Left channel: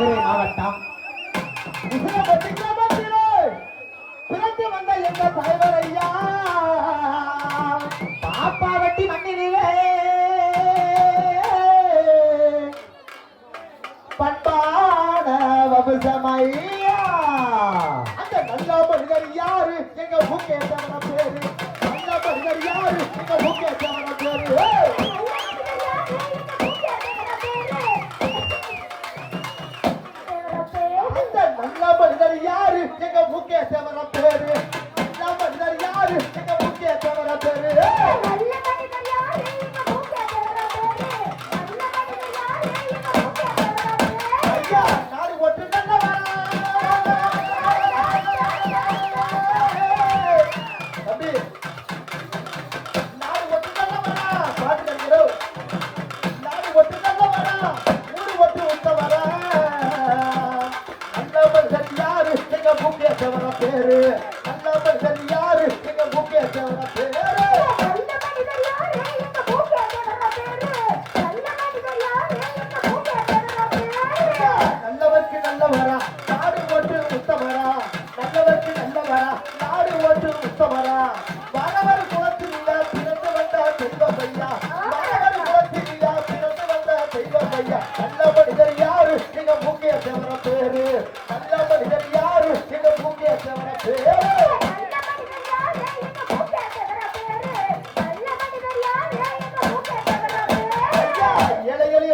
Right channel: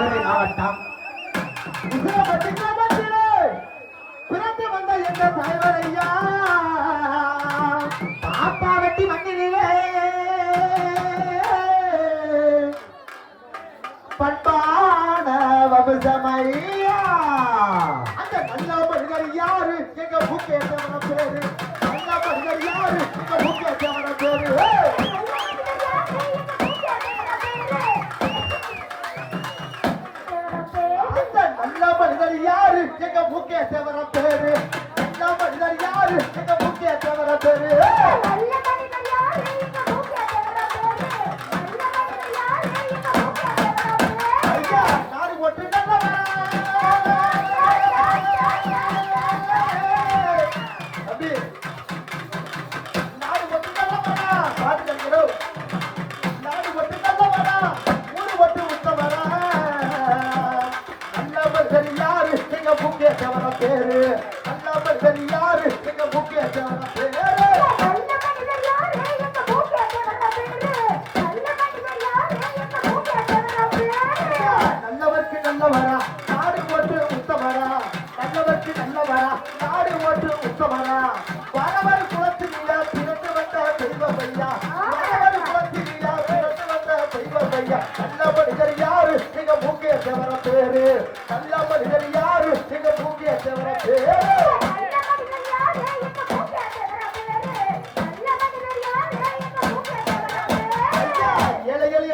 மதுரை மாவட்டம் பிறந்து வந்த எங்க தலைவர் ஐயா பாப்பா வெட்டி மண்ணிலே பட்டான வம்சமையா அந்த நல்ல மனிதர் யாரு எங்க முகேசவன பேரு நல்ல மனிதர் யாரு எங்க முகேசவன பேரு அந்த நல்ல மனிதர் யாரு எங்க முகேசவன பேரு நல்ல மனிதர் யாரு எங்க முகேசவன பேரு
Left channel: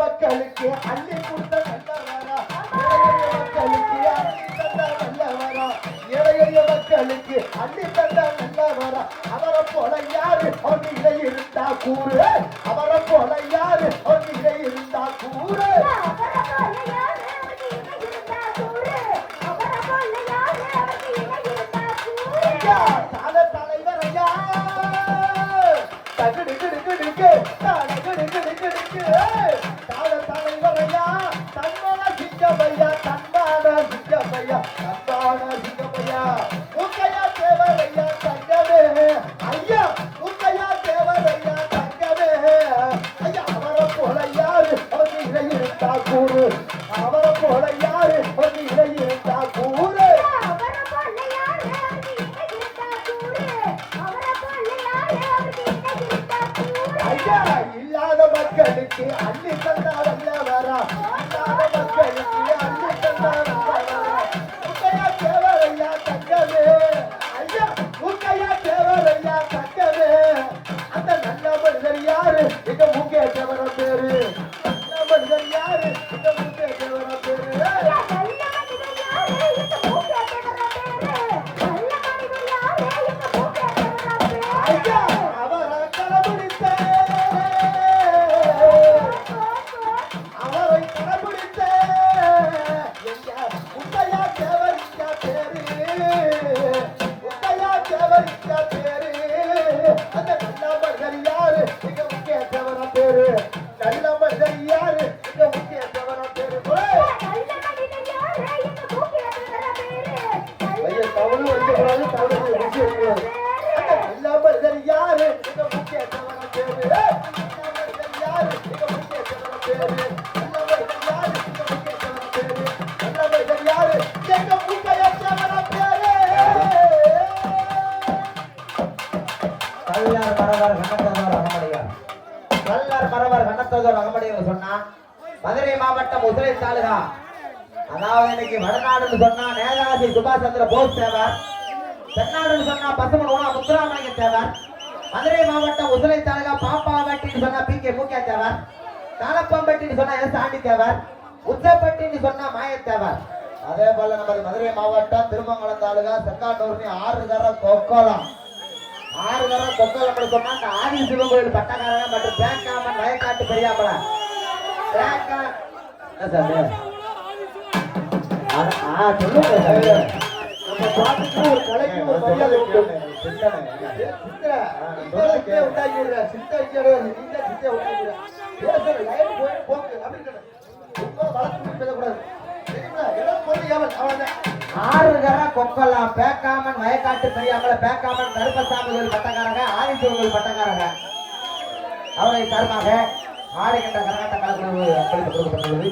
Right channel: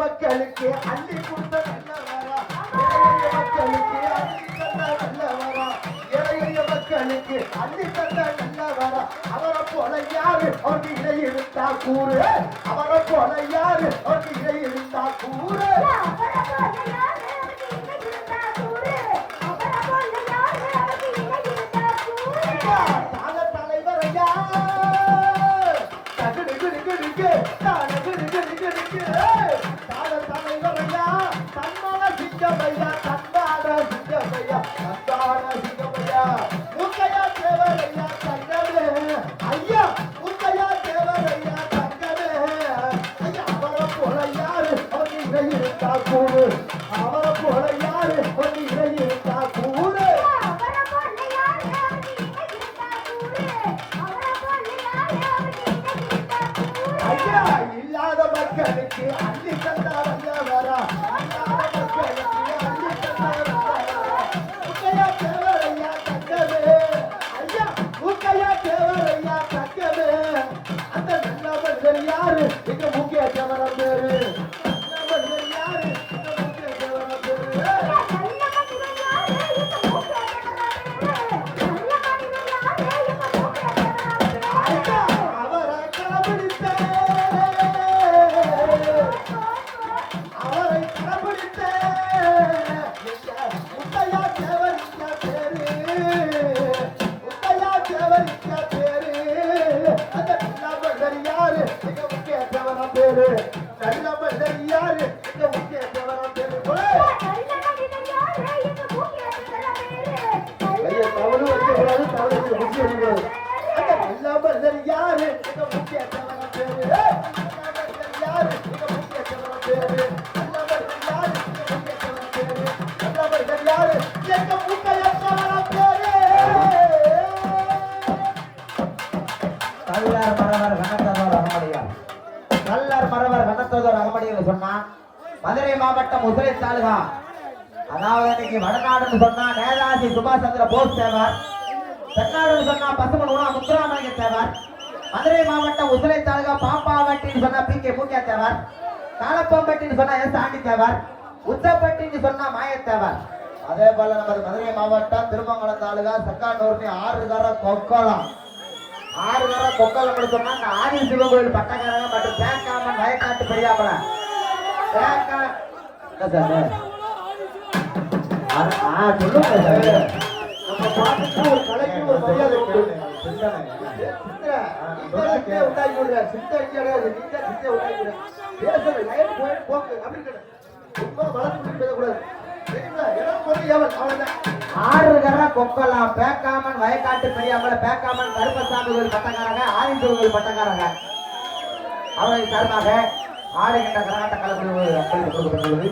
மக்களுக்கு அள்ளி கொடுத்த நல்லவரா ஏழைய மக்களுக்கு அள்ளி தந்த நல்லவரா அவரை போல யாரு அவங்க இதை இருந்தா கூறு அவரை போல யாரு அவங்க இதை இருந்தா கூறு அவரை போல யாரு வந்து இதை இருந்தா கூறு ஐயா இல்லாத மக்களுக்கு அள்ளி தந்தா வல்லவரா இல்லாத மக்களுக்கு அள்ளி தந்தா வல்லவரா முக்கையா தேவரையா தங்கமே ஐயா முக்கையா தேவரையா தங்கமே அந்த நல்ல மனிதர் யாரு எங்க முக்கிய தேவர பேரு நல்ல மனிதர் யாரு நல்ல மனிதர் யாரு இந்த முக்கிய தேவர பேரு தவறு வைக்கக்கூடாது தவறு முடிச்சிருக்கிறது நல்ல மனிதர் யாரு இந்த முக்கிய தேவர பேரு யாரு இந்த முக்கிய தேவர பேரு நல்ல மனிதர் யாரு இந்த முக்கிய தேவர பேரு நல்ல மனிதர் யாரு எங்க முக்கிய தேவர பேரு கல்லார் மரவர் கணத்தோதர் அகமடியார் கல்லார் மரவர் கணத்தோதர் அகமடியார் சொன்னா மதுரை மாவட்டம் உசிலை தாலுகா அதாவது இன்னைக்கு வடநாடுன்னு சொன்னா நேதாஜி சுபாஷ் சந்திர போஸ் தேவர் தென்னாடுன்னு சொன்னா பசுமன் உணா முத்துராமலிங்க தேவர் மதுரை மாவட்டம் உசிலை தாலுகா பாப்பாவட்டின்னு சொன்னா பி கே முக்கிய தேவர் காலப்பம்பட்டின்னு சொன்னா எஸ் ஆண்டி தேவர் உச்சப்பட்டின்னு சொன்னா மாய தேவர் அதே போல நமது மதுரை மாவட்டம் திருமங்கலம் தாலுகா செக்காண்டூர்னி 6 தர கொக்கலம் 6 தர கொக்கலம் சொன்னா இந்த ஆதி சிவகோயில் பட்டக்காரங்க மற்றும் பேக்காமன் வயக்காட்டு பெரியாப்பல பேக்கா சொல்லுங்க நம்ம பாட்டுக்கு ஒரு கலைக்கு ஒரு மரியாதை உண்டு உண்டாக்கி விடுற சித்த பேசுற லைன் போயிட்டு போக்கு அப்படி சும்மா வளர்த்து பேசக்கூடாது 6 தர கொக்கலாம் பேக்காமன் வயக்காட்டு பெரியாமல பேக்காமன் கருப்பசாமி கோயில் பட்டக்காரங்க ஆதிசிவன் கோயில் பட்டக்காரங்க அவரை சார்பாக ஆடை கட்ட கர்நாடக கலப்பணி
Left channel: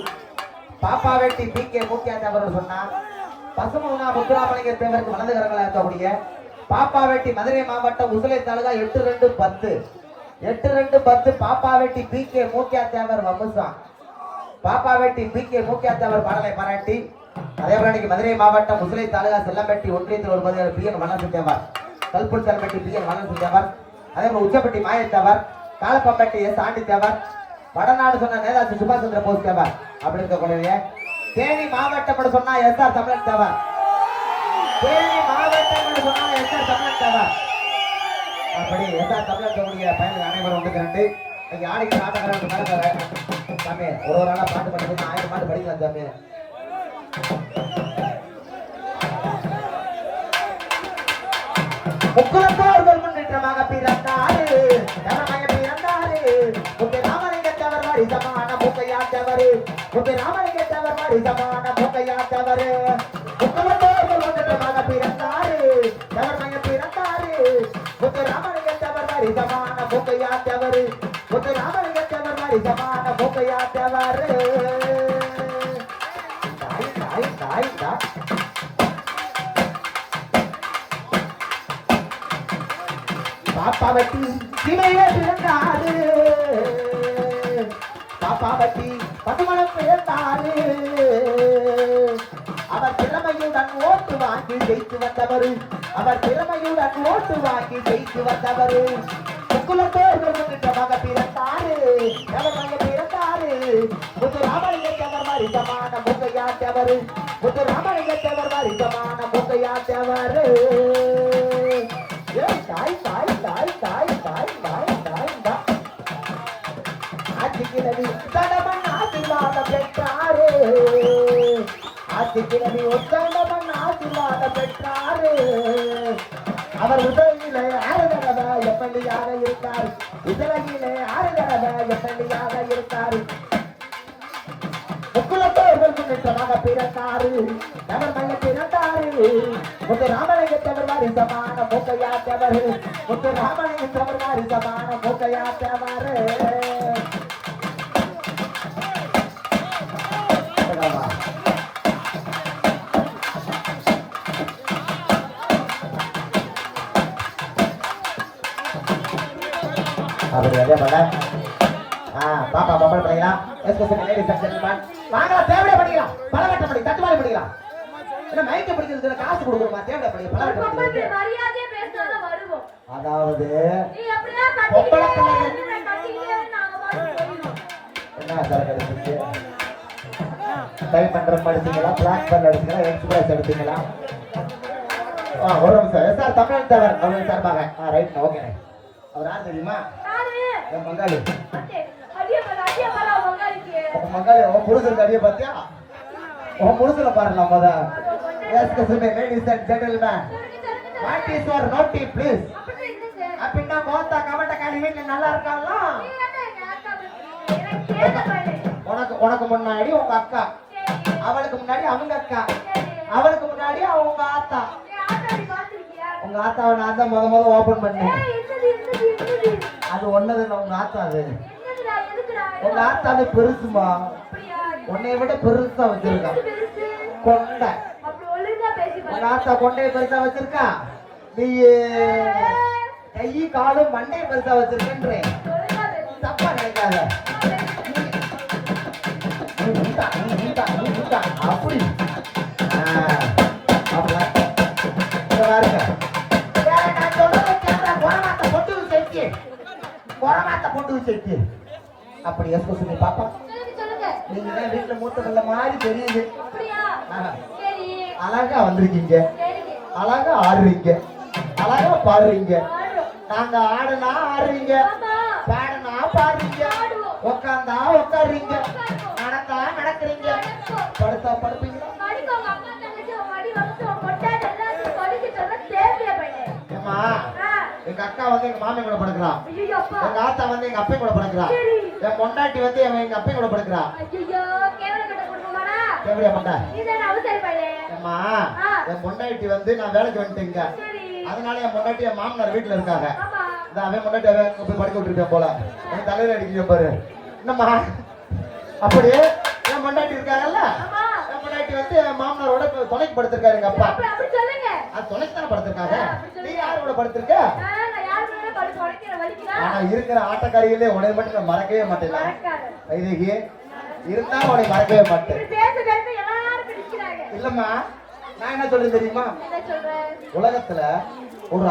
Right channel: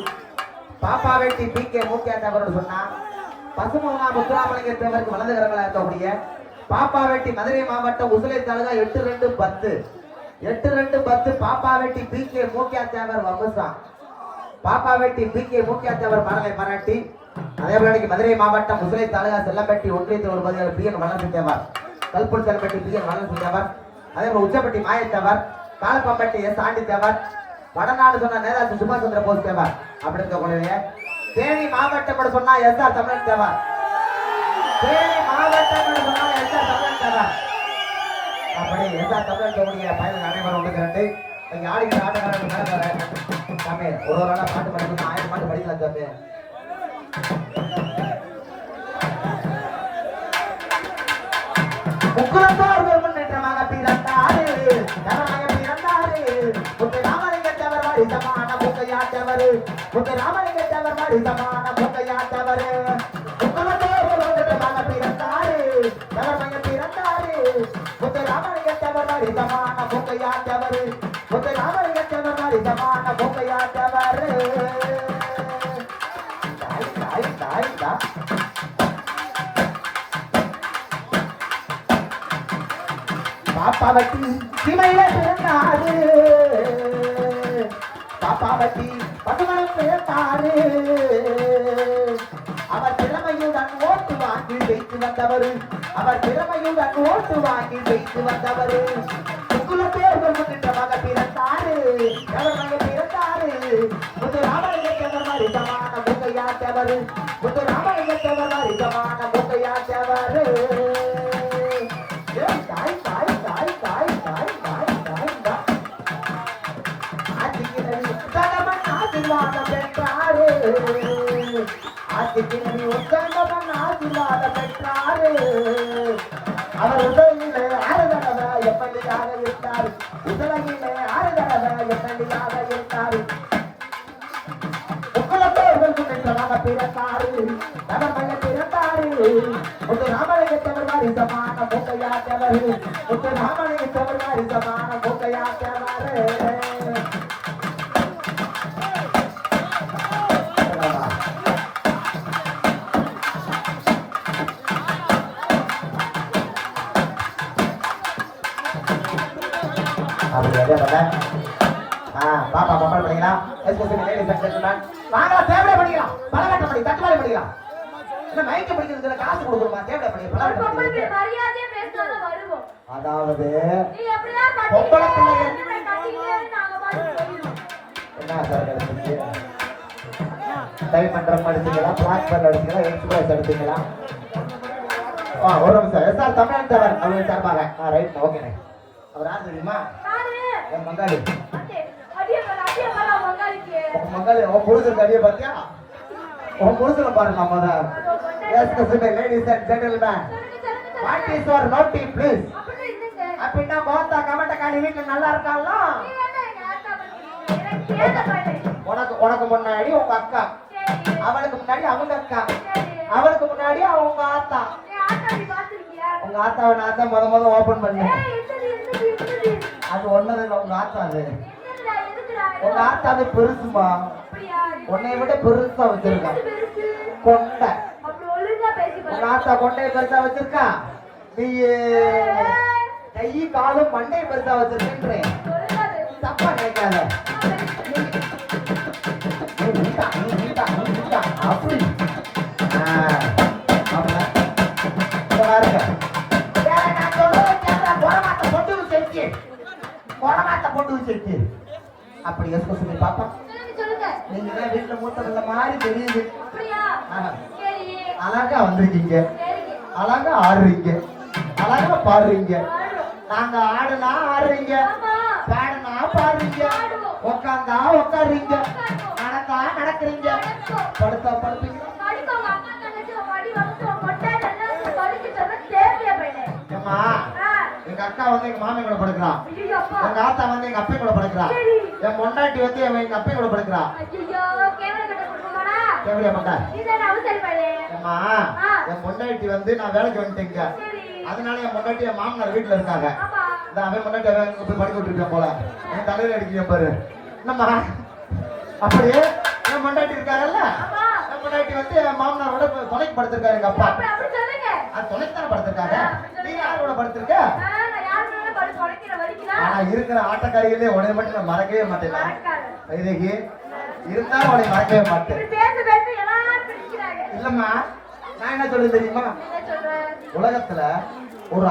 பாப்பா வெட்டி பி.கே. மூக்கியா தேவர் சொன்னா பசுமுகமா முத்துராமலிங்க தேவருக்கு வலது கரங்களா இருக்கக்கூடிய பாப்பா வெட்டி மதுரை மாவட்டம் உசிலை தாலுகா 8-2-10 பாப்பா வெட்டி பி.கே. மூக்கியா தேவர் வம்சா பாப்பா வெட்டி பி.கே. மூக்கியா தேவர் பாடலை பாராட்டி அதேபோல மதுரை மாவட்டம் உசிலை தாலுகா செல்லம்பட்டி ஒன்றியத்தில் ஒரு பதிவு பி.என். வளர்ந்து தேவர் கல்பூர் செல்லம்பட்டி பி.என். வளர்ந்து தேவர் அதேபோல உச்சப்பட்டி மாயத்தேவர் காலப்பம்பட்டி எஸ். ஆண்டி தேவர் வடநாடு சொன்ன நேதாஜி சுபாஷ் சந்திர போஸ் தேவர் அப்படி இருக்கக்கூடிய தேனி மாவட்டம் சொன்னா எஸ்.ஆர். தமிழன் தேவர் தேனி மாவட்டம் சொன்னா எஸ்.ஆர். தமிழன் தேவர் அப்படி எஸ்.ஆர். தமிழன் தேவனுடைய பயணம் அனைவரும் உண்டு நீங்க ஆடிக்கிற ஆட்டக்காரர் சாமி ஒரு நாளா பாட்டு படிக்கணும் 1000 பாட்டு படிக்கலாம் சாமி முக்குலத்தோர்கள் முன்னேற்றமாக பிறந்தாரு நவமய பிறந்தாரு முத்தை ராமலிங்க தேவர் வாரி சமான முத்தையாண்டவர் முத்தை ராமலிங்க தேவர் வாரி சமான முத்தையாண்டவர் முக்குலத்தோர்கள் முன்னேற்றமாக பிறந்தாரு நவமய பிறந்தாரு முத்தை ராமலிங்க தேவர் வாரி சமான முத்தையாண்டவர் முத்தை ராமலிங்க தேவர் வாரி சமான முத்தையாண்டவர் பாப்பா வட்டி சிமையில பிறந்தாரு பாப்பா வட்டி பசுமணம் பிறந்தாரு அவர் திறமையுடன் ஓட்டு வாங்கி ஜெயித்து வந்தவர் அவர் திறமையுடன் ஓட்டு வாங்கி ஜெயித்து வந்தவர் முக்குலத்தோர்கள் முன்னேற்றமாக பிறந்தாரு அவர் பிறந்தாரு முத்து ராமலிங்கத்தவர் மாதிரி சமான முகையாட்டவர் முத்து ராமலிங்கத்தவர் மாதிரி சமான முகையாட்டவர் அவர் உதவியிலே 6 தடவை எப்படியாக இருந்தார் உதவியிலே 6 தடவை எப்படியாக இருந்தார் முக்குலத்தோர்கள் முன்னேற்றமாக பிறந்தாரு அவர் மகன் பிறந்தாரு முத்து ராமலிங்கத்தவர் மாதிரி சமான மூக்கையாட்டவர் முத்து ராமலிங்கத்தவர் மாதிரி சமான மூக்கையாட்டவர் பாப்பா பாப்பா படிக்கலாம் வாங்கலாம் தேவையா படிக்கலாம் பலகட்டம் படி தட்டுவாரி படிக்கலாம் இல்ல மைக்க பிடிக்கிறதுல காசு கொடுக்கணுமா தேவையா படி பலகட்டம் மரியாதையா பேசுறத வருவோம் அதாவது நீ எப்படியா என்ன சார் டைப் பண்ற மாதிரி இருக்கீங்களா பிளாக் பண்ண எடுத்தீங்களா எக்ஸ்பிரஸ் எடுத்தீங்களா ஒரு நிமிஷம் எஸ்.ஆர். தமிழன் தேவர் அவர் சார்பாக ரைட் ஓகே அவர் யார் தெரியுமா மங்காளி மங்காளி உன் புருஷன் அடிய பாத்தியா உன் புருஷனை பாரு நம்ம தான் ladies and gentlemen what is your naughty please அப்படின்னா கோத்தா கமட்ட காளி வீட்டுல நல்லா இருக்காங்களா உனக்கு முன்னாடி உங்க அக்கா அவளுக்கு முன்னாடி அவங்க அக்கா அவளுக்கு முன்னாடி அவங்க ஆத்தா உங்க ஆத்தாவை நான் தான் முத ஓபன் பண்ணேன் அது ஒன்னது உங்க ஆத்தா அது உங்க ஆத்தாவை பெருசுமா உன்னை விட பெருசா வச்சிருக்கா கொண்டை உங்க ஆத்தா கொண்டையை பெருசா வச்சிருக்கா நீ கை காலும் மண்டையை பெருசா வச்சிருக்கேன்றேன் தப்பா நினைக்காத அப்படி அப்படி சொல்லி பாப்பா நீங்க வீட்டுல மூத்தவங்கள மாதிரி தெரியுது அழகா வந்திருக்கீங்க அழகா ஆடுறீங்க அழகா பாடுறீங்க நாங்க ஆடுனா ஆடுறீங்க பாடுனா பாடுறீங்க உட்காந்தா உட்காடுறீங்க நடந்தா நடக்கிறீங்க படுத்தா படுப்பீங்க எங்க அக்கா வந்து எங்க மாமி கூட படுக்கிறா எங்க ஆத்தா வந்து எங்க அப்பா கூட படுக்கிறா என் பொண்டாட்டி வந்து எங்க அப்பா கூட படுக்கிறா கேவலியா பண்ணா அம்மா என் பொண்டாட்டி வந்து நான் வேலைக்கு வந்துட்டேங்க அதனால என் பொண்டாட்டி என் மாமனார் வீட்டுல இருக்காங்க அவன் பொண்டாட்டி போய் படுக்க விட்டுருக்கேன் போல என் தலையில அடிக்கிறேன் பாரு என்னம்மா அப்படியே என் பொண்டாட்டி இருக்காங்கல்ல வந்து என் மாமனாரோட துணைக்கு படுத்திருக்காரு எங்க அப்பா. அப்படி சொல்லுங்க. அது துணைக்கு தான் படுத்திருக்காங்க. நீ யாரோட படுத்திருக்க? நான் யாரோட படுத்து உடைக்கிற வலிக்குதா? ஆனா இருக்கிற ஆட்டக்காரிகளே உடனே மட்டும் நான் மறக்கவே மாட்டேன். மறக்காத. இதுக்கு இருந்தாலும் உடனே மறக்கவே மாட்டேன். பேச பேச எல்லாரும் பிடிக்கிறாங்க. இல்லம்மா நான் என்ன சொல்றது தெரியுமா? என்ன சொல்ற? உலகத்துல ஒரு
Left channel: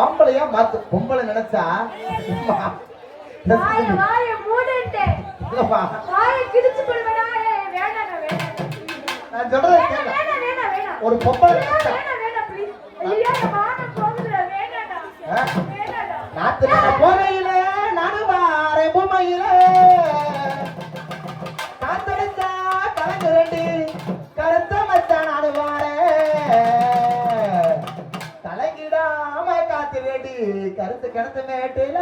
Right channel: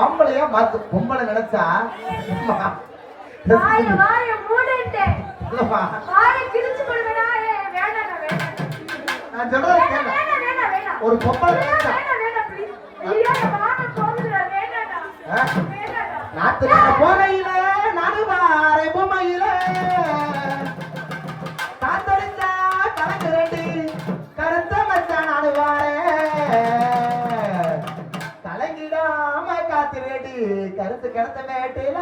ஆம்பளையா மாத்து பொம்பளை நினைச்சா வாய மூடுட்டே. இல்லம்மா வாய கிழிச்சு போடுடா. வேண்டாம் வேண்டாம். நான் சொல்றது கேளு. வேண்டாம். ஒரு பொம்பளை நினைச்சா வேண்டாம் ப்ளீஸ். ஐயா வாங்க போகுதுடா. வேண்டாம். வேண்டாம். நாத்து போறையில நடுவாரை பொம்மையில காத்தடிச்சா கலந்து ரெண்டு கருத்த மச்சான் நடுவாரே கலங்கிடாம காத்து ரெண்டு கருத்து கிடத்த மேட்டுல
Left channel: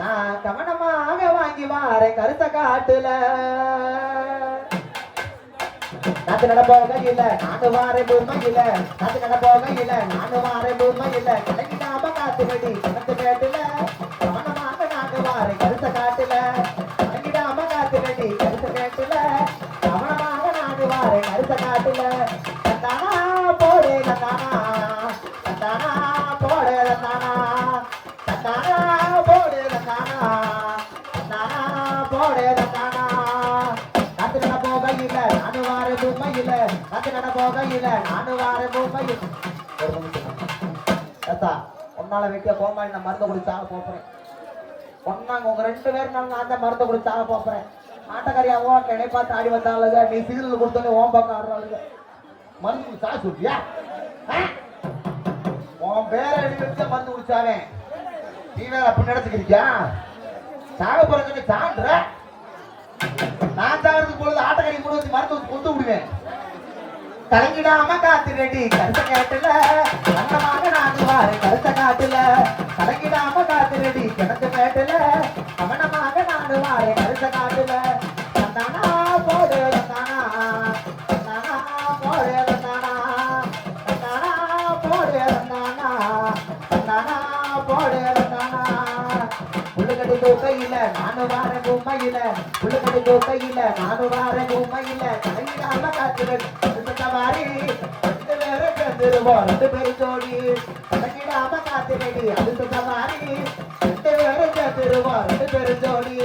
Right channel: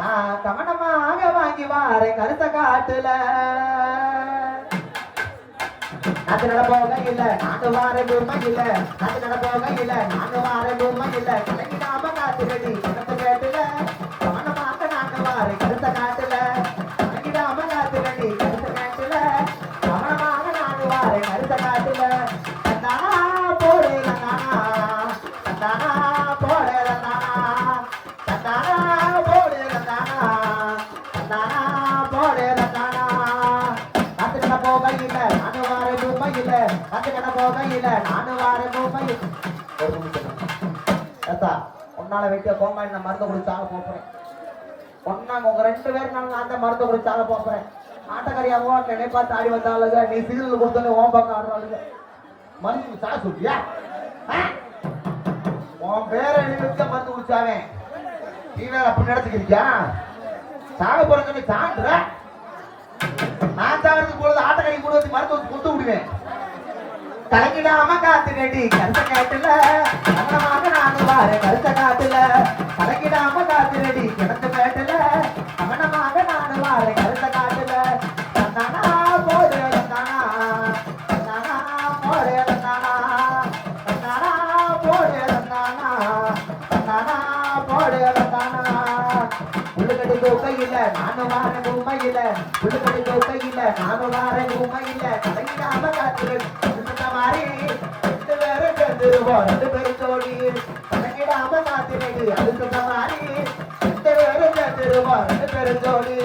நான் கவனமாக வாங்கி வார கருத்த காட்டுல நாட்டு நட போக இல்ல நாட்டு வார பூர்மை இல்ல நாட்டு நட போக இல்ல நாட்டு வார பூர்மை இல்ல கலங்கிடாம காத்து ரெடி கிடத்த மேட்டுல கவனமாக நாங்க வார கருத்த காட்டுல கலங்கிடாம காத்து ரெடி கருத்த மேட்டுல கவனமாக நாங்க வார கருத்த காட்டுல தானா போடே தானா தானா போடே தானா தானா போடே தானா தானா போடே தானா நாட்டு நட போக இல்ல நாட்டு வார பூர்மை இல்ல நாட்டு நட போக இல்ல நாட்டு வார பூர்மை உன்னால வைக்க போமா என்ன மருந்து குடிச்சாக போறேன் ஒன்னாங்க உங்க 2 பேரும் நான் அந்த மருந்து குடிச்சாக போறேன் ஆட்டக்காரியாவோ என்னை பார்த்து ஆடி வந்தாளுங்க நீ சீரியல் கொடுத்தோன்னே ஓம் பக்கம் ஆடுறாளுங்க மருந்து சா சொல்லியா உன் பேரை எனக்கு மருந்து குடிச்சாவே நீ வேற அப்படி நடத்துக்கிறியா சாக போறங்க நீ சான்ற நான் சாகிறதுக்கு பொழுது ஆட்டக்காரி கொடுத்து மருந்து கொடுத்து விடுவேன் கலங்கிடாம காத்து கேட்டி கருத்த கேட்டுல கருத்த காட்டுல கலங்கிடாம காத்து ரெடி கிடத்த மேட்டுல கவனமாக நாடு வார கருத்த காட்டுல நானா போடு நானா நானா போடு நானா நானா போடு நானா நானா போடு நானா புழுக்கடி கோக்கையில நானு வார பூமையில புழுக்கடி கோக்கையில நானு வார பூமையில கலங்கிடாம காத்து ரெடி வாரி ரெண்டு பேரும் ஜோடி கலங்கிடாம காத்து ரெடி அடுத்த மாதிரி 2 பேரும் சேர்த்துருவோம் 2 பேரும் ஜோடி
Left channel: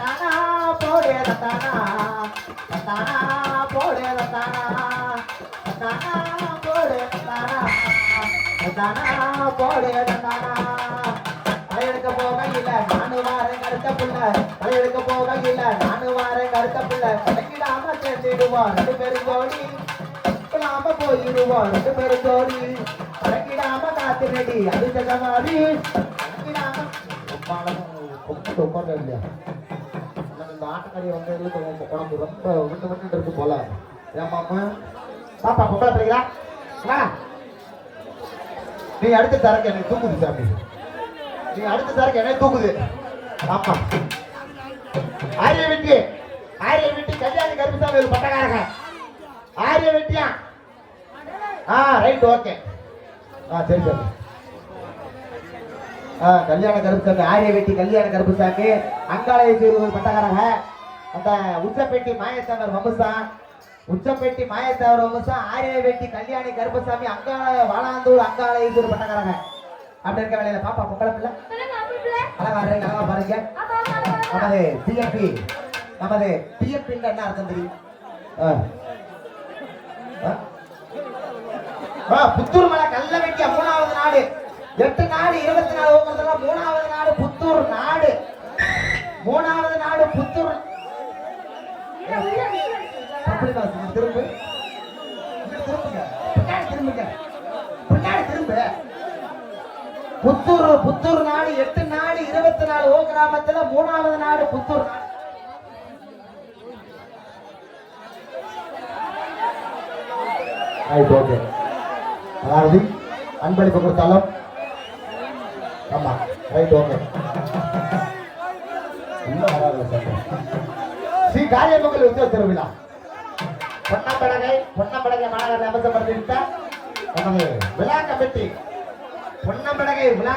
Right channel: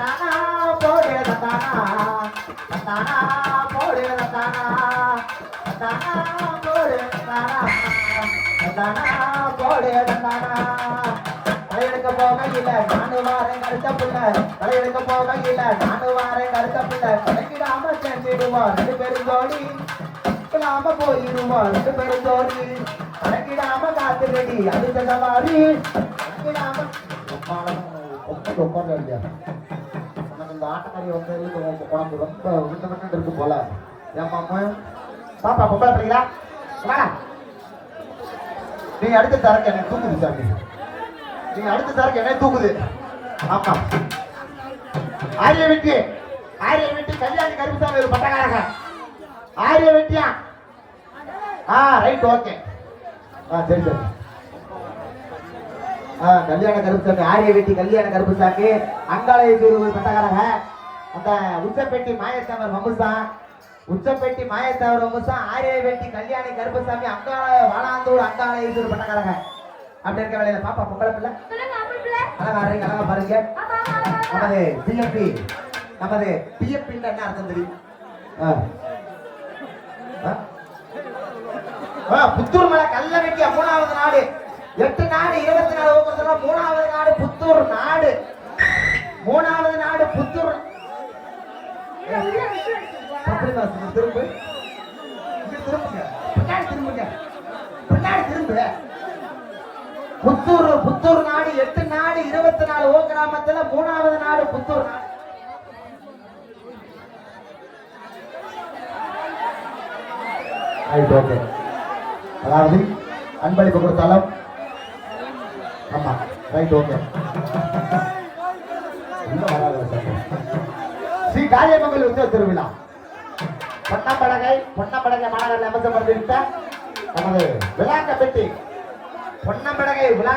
தானா போடே தானா தானா போடே தானா தானா போடே தானா தானா போடே தானா தலையெடுக்க போகையில நானு வாரேன் கருத்த புள்ள தலையெடுக்க போகையில நானு வாரேன் கருத்த புள்ள கலங்கிடாம சேர்ந்துடுவோம் 2 பேரும் ஜோடி நாம போயிடுவோம் 2 பேரும் ஜோடி கலங்கிடாம காத்து ரெடி அடுத்த மாதிரி கலங்கிடாம உட்கார்ந்து இல்லையா இந்த ஆட்டக்காரி வந்து குழம்பு ரொம்ப விண்ணவண்ணு இருக்கு போல ஏமாமா பாப்பா பொம்பளை பிள்ளைங்களா நீ அடுத்த தரக்கு என்ன தூக்குது சாமி நீ அடுத்த தரக்கு என்ன தூக்குது ஆமா ஆரிய வெட்டி கல்யாணி கருப்புசாமி ஒரு பட்டக்காரங்க ஆரிய வெட்டியா ரைட் ஓகே சரி சரி கல்யாண கருப்புசாமி ஆரிய வெட்டி கல்யாண கருப்புசாமி அங்காளயத்தூர் ஒரு பட்டக்காரங்க அந்த உச்சப்பேட்டி மாயத்தவர் வமுசா உச்சப்பேட்டி மாயத்தவர் வமுசா ஆரிய வெட்டி கல்யாணி கருப்புசாமி அங்காள வாழாந்தூர் அங்காளயத்தூர் பட்டக்காரங்க அப்படி இருக்க வேலையில பாப்பா பொங்கலை பிள்ளை அழகா அழகா பாருங்க நமது பிஎப்பி என்ன அர்த்தம் தெரியும் புத்தூர் மலை கல்ல வெட்டிய 3வது நாடு 8 நாடு 24 ஒவ்வொருத்தர 3வது நாடு புத்தூர் நாடு 3வது நாடு புத்தூர் திரும்ப புத்தூர் நாடு 8 நாடு 24 ஓ கிராமத்துல 3வது நாடு புத்தூர் நாடு அதாவது அன்பளிப்பு கொடுத்தாலும் ஆமா ரைட் ஓகே ஸ்ரீ காரியமங்கல் உற்சவ திருவிழா பொன்னம்படகை மாநகர அமைச்சப்படுத்திவிட்ட நமது விழா கமிட்டி பொன்னம்படகை விழா